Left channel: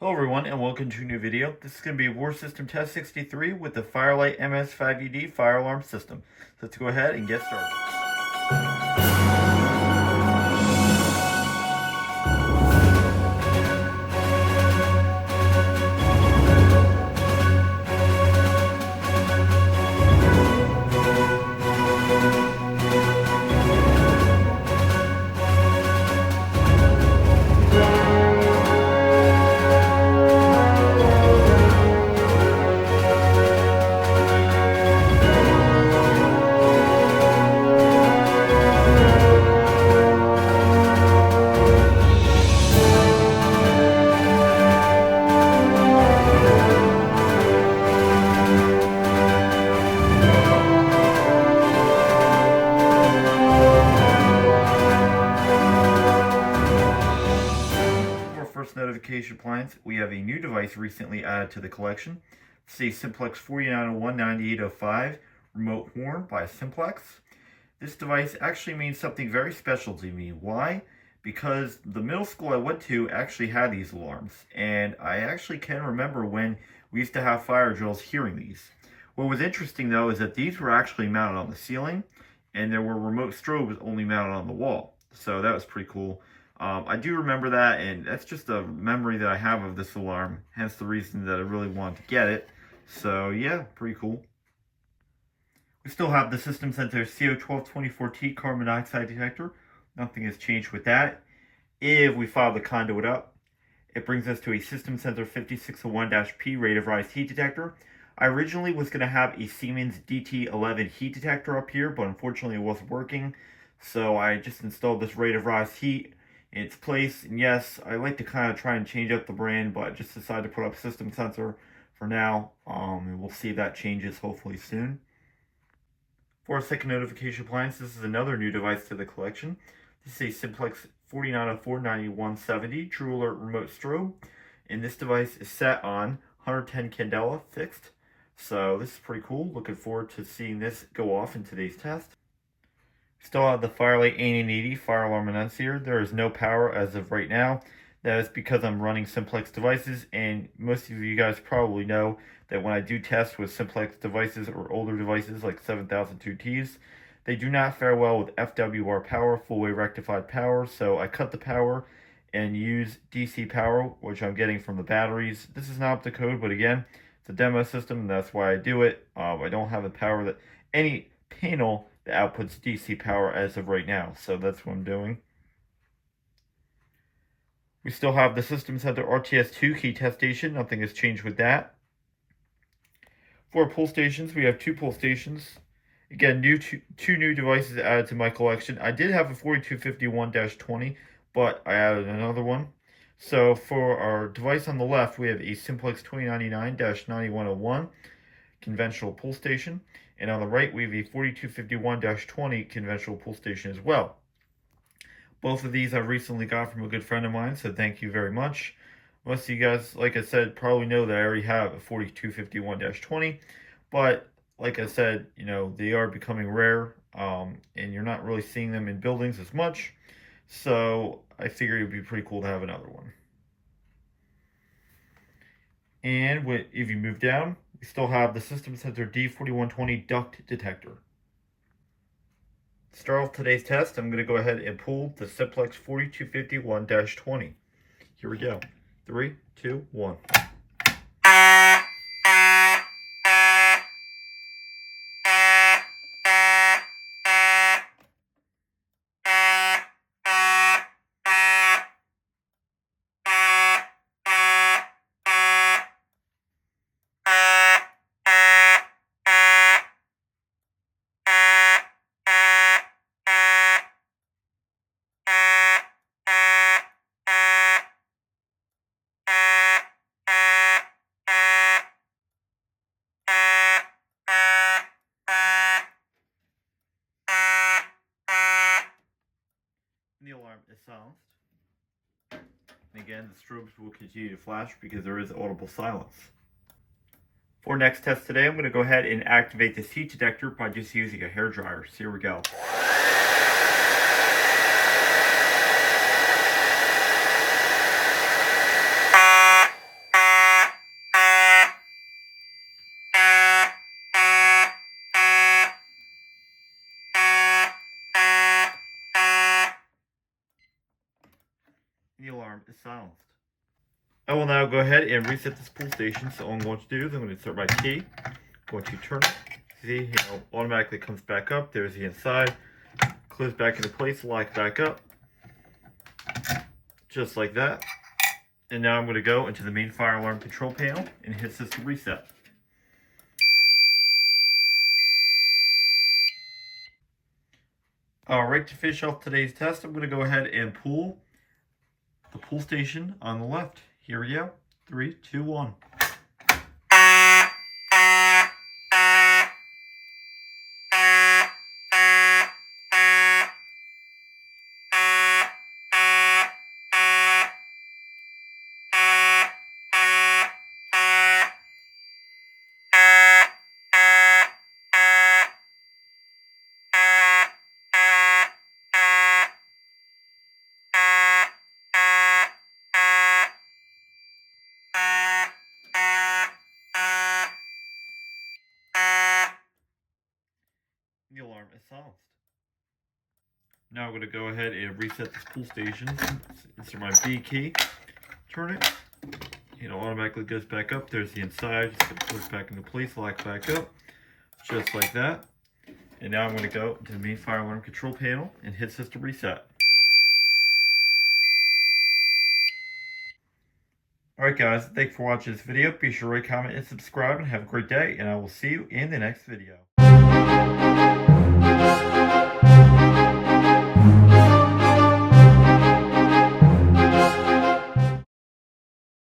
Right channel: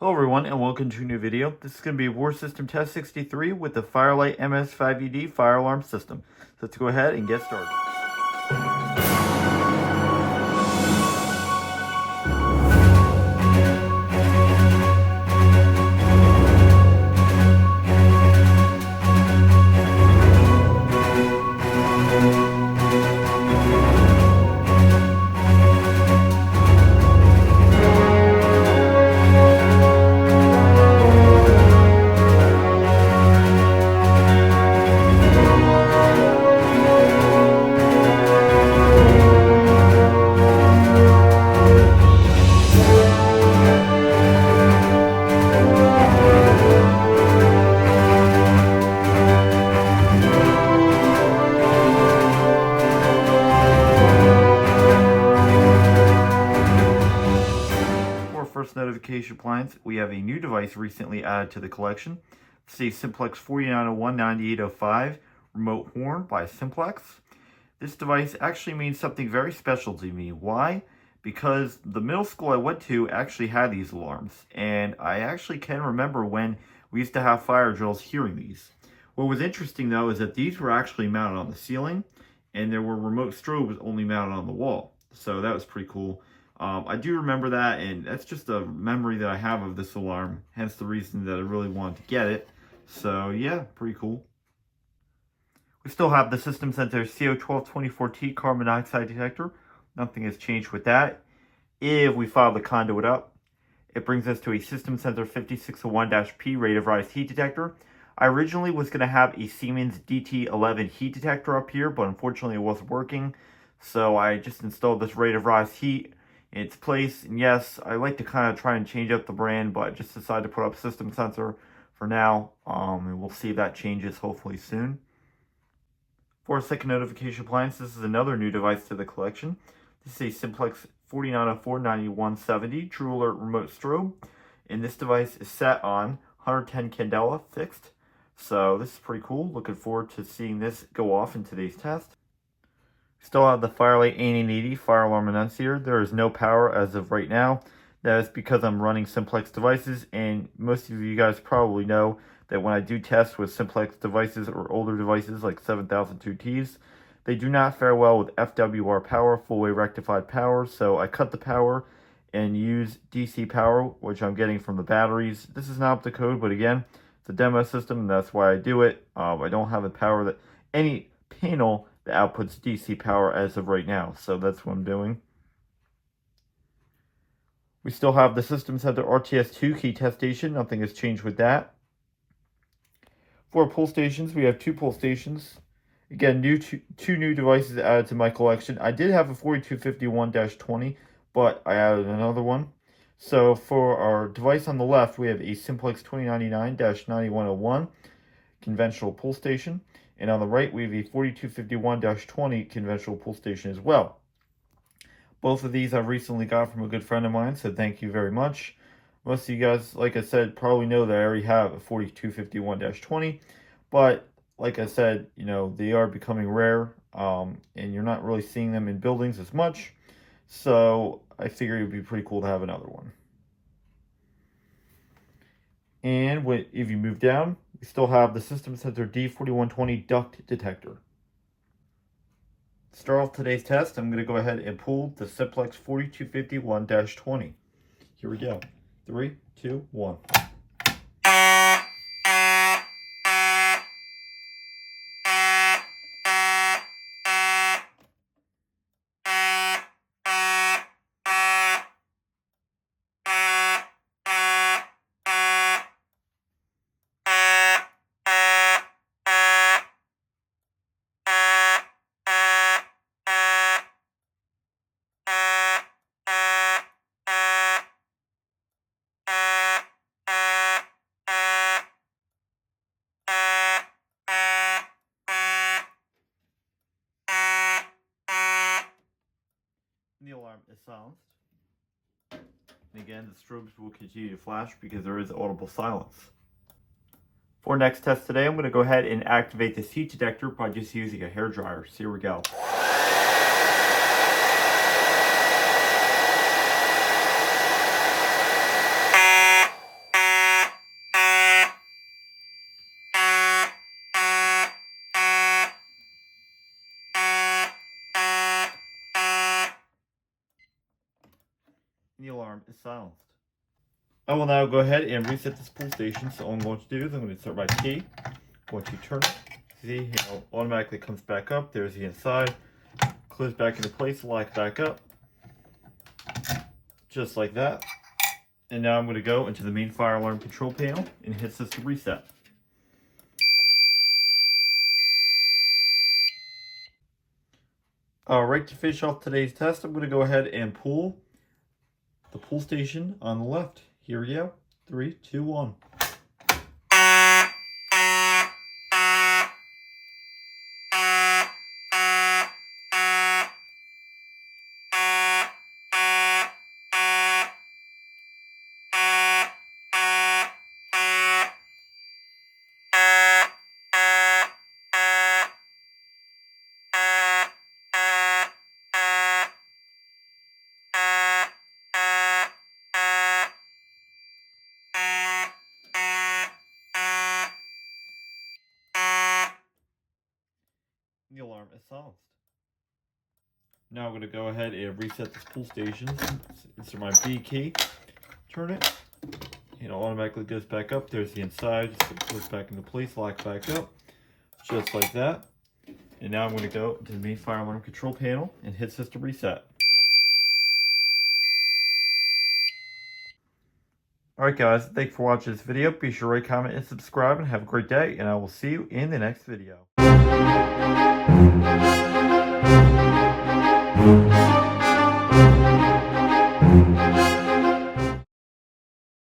Hello everyone and welcome to a new video. This is going to be War System Test 63 with the Lite MS-5UD fire alarm system. So let's go ahead and get started. First notification appliance, we have a new device recently added to the collection. It's a Simplex 4901-9805 remote horn by Simplex. This device actually means something very special to me. Why? Because the middle school I went to actually had these alarms, and I actually can remember when we used to have fire drills hearing these. What was interesting though is that these were actually mounted on the ceiling, and there were remote strobes only mounted on the wall. So that was pretty cool. I do remember that, and that's just a memory that I have of this alarm, hence the reason that I really wanted to get it. So yeah, pretty cool. We still have the System Center CO1224T carbon monoxide detector. Nothing has changed with that. If we file the conduit up, it brings us to a System Center 5601-P rate of rise heat detector. I originally was going to have a Siemens DT11 heat detector up here, but unfortunately it wasn't working. So I just installed this rate of rise heat in its place. And yes, I like to kind of try and change up the brand, but I just decided to put up System Sensor for now. And we'll see if that changes hopefully soon. For a second notification appliance, this is another new device to the collection. This is a Simplex 4904-9170 True Alert remote strobe. And this device is set on 110 candela fixed. So this is pretty cool. Looking forward to seeing this go off in today's test. Still have the Lite 8880 fire alarm annunciator. There is no power as of right now. That is because I'm running Simplex devices, and most of you guys probably know that when I do tests with Simplex devices or older devices like 7002Ts, they do not fare well with FWR power, full wave rectified power, so I cut the power and use DC power, which I'm getting from the batteries. This is not up to code, but again, it's a demo system, and that's why I do it. I don't have the power that any panel that outputs DC power as of right now, so that's what I'm doing. We still have the System Center RTS2 key test station. Nothing has changed with that. For pull stations, we have 2 pull stations. Again, two new devices added to my collection. I did have a 4251-20, but I added another one. So for our device on the left, we have a Simplex 2099-9101 conventional pull station. And on the right, we have a 4251-20 conventional pull station as well. Both of these I recently got from a good friend of mine, so thank you very much. Most of you guys, like I said, probably know that I already have a 4251-20, but like I said, you know, they are becoming rare, and you're not really seeing them in buildings as much, so I figured it would be pretty cool to have another one. And if you move down, we still have the System Center D4120 duct detector. To start off today's test, I'm going to go ahead and pull the Simplex 4251-20. Here we go. 3, 2, 1. The alarm is silenced. And again, the strobes will continue to flash because there is audible silence. For next test today, I'm going to go ahead and activate this heat detector by just using a hairdryer. So here we go. is silenced. I will now go ahead and reset this pull station. So all I'm going to do is I'm going to insert my key. I'm going to turn it. See, automatically comes back up. There's the inside. Close back into place, lock back up. Just like that. And now I'm going to go into the main fire alarm control panel and hit system reset. Alright, to finish off today's test, I'm going to go ahead and pull the pull station on the left. Here we go. 3, 2, 1. The alarm is silenced. Now I'm going to go ahead and reset this pull station. Insert my B key, turn it, it automatically goes back up. There's the inside, just push back into place, lock back up, just like that. And now I'm going to go to the main fire alarm control panel and hit system reset. Alright guys, thanks for watching this video. Be sure to rate, comment, and subscribe, and have a great day, and I will see you in the next video.